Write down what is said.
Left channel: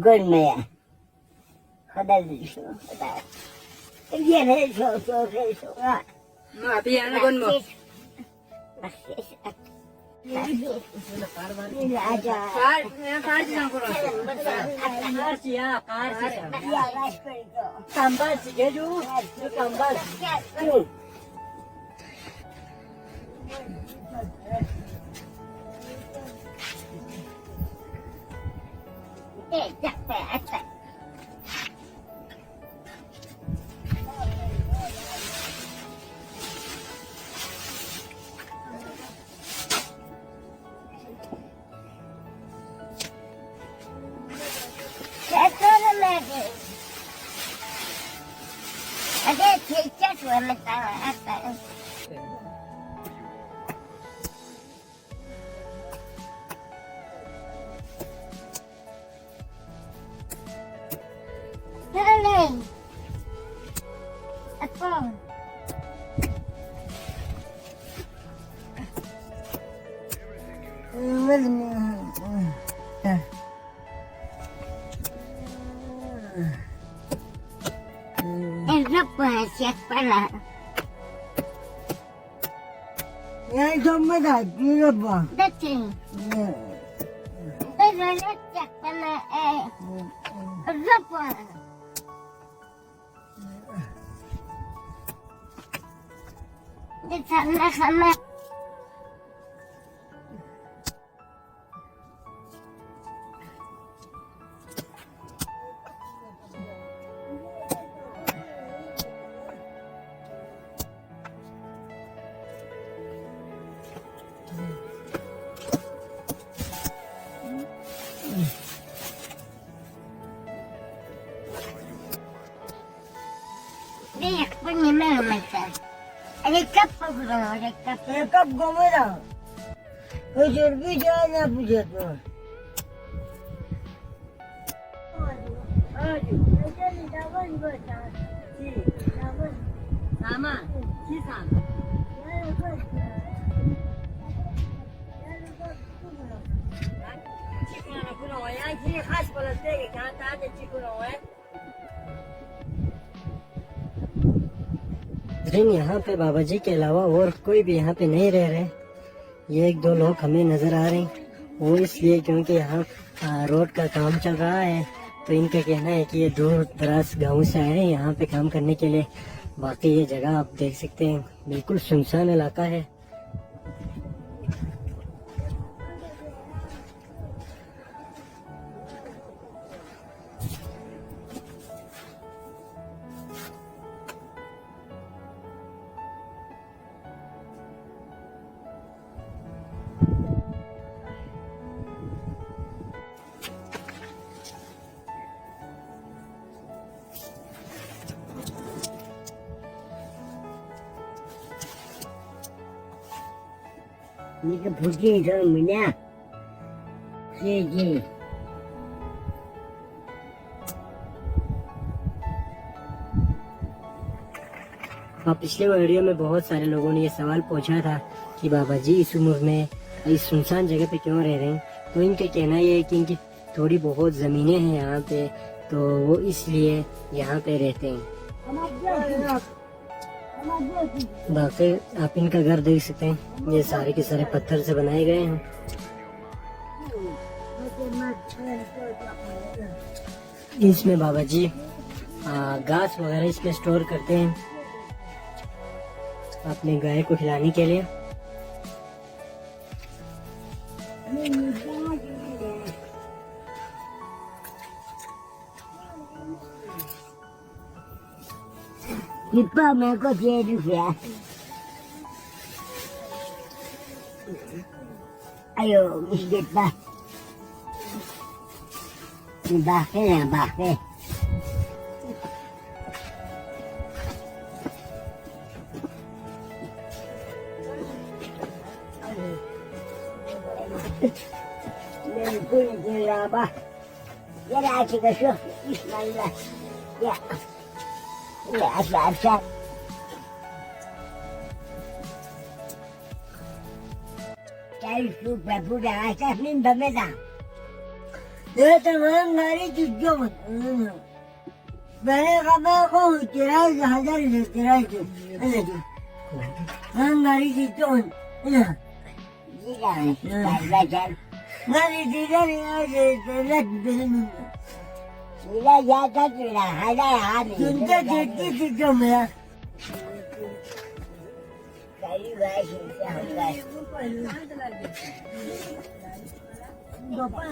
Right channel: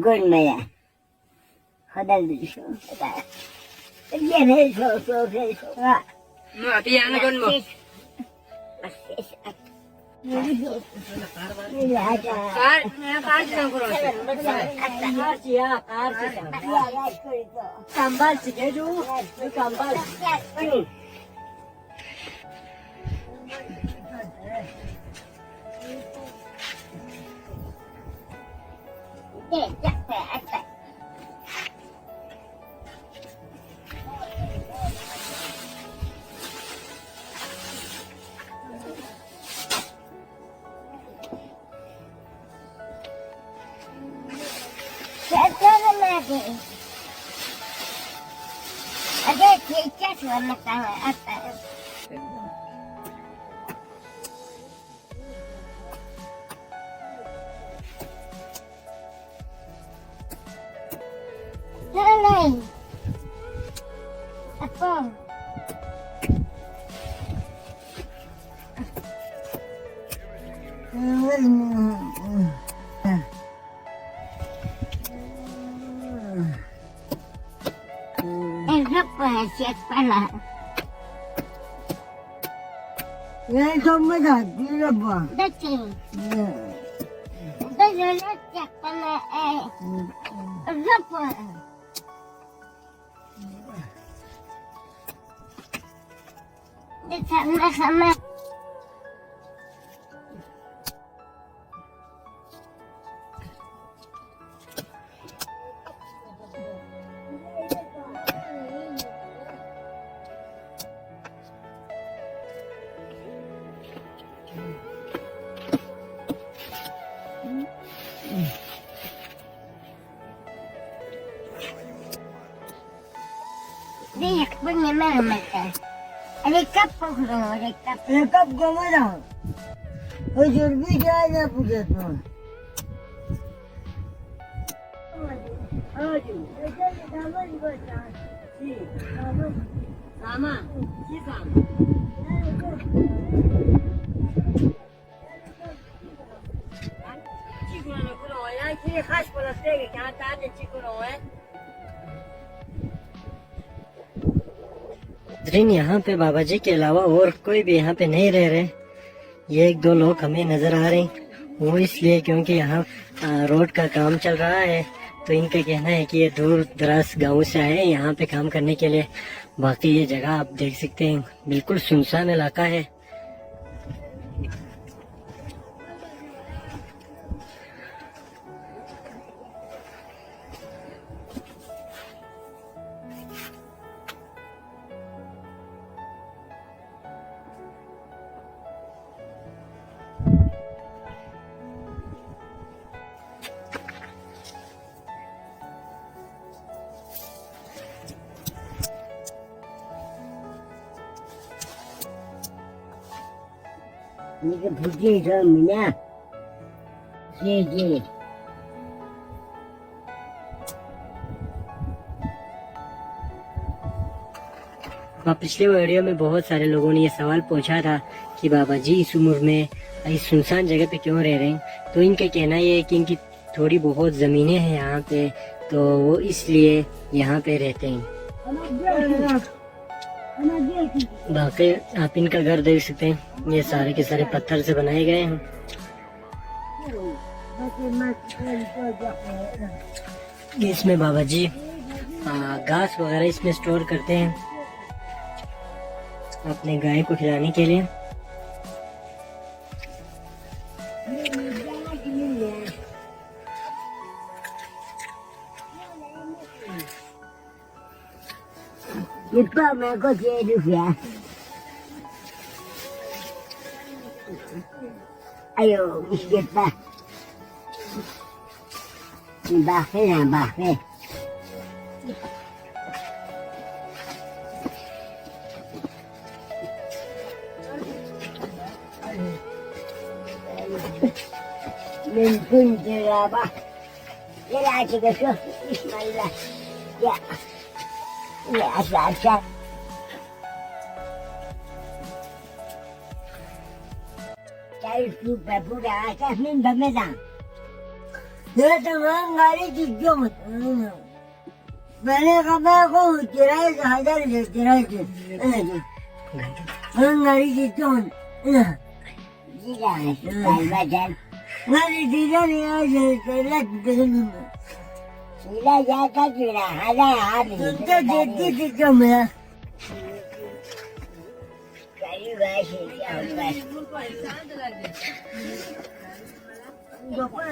görmeye. Kadar düşüyor. Yine çok. Mati ana gon mo. Bak ses at. Kambal sikeju, kambal. Yani donmadan bir bu. Dating. Dating bana rapor. Ditanya sama dia punya mata. Ada kapal kurang, ada kapal. Ini kap komera. Ujur bijanya bujat tu. Sama, kisam. Cikgu nak kurang, yang kiri khas pada segi, jangan ada cikgu nak. लेकिन यहाँ पे बाबा जी के अलावा और कोई भी यहाँ पे नहीं रह रहे। ये एक दो लोग हमें नजर आ रहे हैं, वो इसलिए क्योंकि यहाँ रोड का काम चल रहा है। तो इनका कहना है कि ये दूर दराज गाँव से आए हैं यहाँ पे काम करने के लिए। बाकी ये जगह आप देख सकते हैं, बिल्कुल सुनसान इलाका है। Ini ke putih tu minyak. Ji. पिछले वीडियो में बहुत सारे लोगों ने ये सवाल पूछा था कि बाबा जी इस उम्र में इस सुनसान जगह पे क्यों रह रहे हैं। तो इनका कहना ये है कि इनकी थोड़ी बहुत ज़मीनें हैं यहाँ पे, तो वो इसलिए यहाँ पे रहते हैं। बाकी आप इनका घर देख सकते हैं, ये सारे के सारे पत्थर से बनाए गए हैं। इसमें बाबा जी घास वगैरह इसमें स्टोर करते हैं अपने गाय को खिलाने के लिए। Lipa मैं को चाहिए रुपया। Ayo, biskuit pa. Bakit. Mungkin jeraba. Ya lah kita tu, Bismillah. Ya. Ya, asal. Cari tu babu dah atas ni bamezang. ये तमाम गाड़ी चीजों में मैंने कहा मैं को किराए से 1000 ले किराए से तमाम गाड़ी चीजों में Gila, bajan. गाड़ी चीजों ने आज तेरा दिन Sila jata kira ada hari. सुनते देखते चीजों में Kayu bashi, siapa? पापा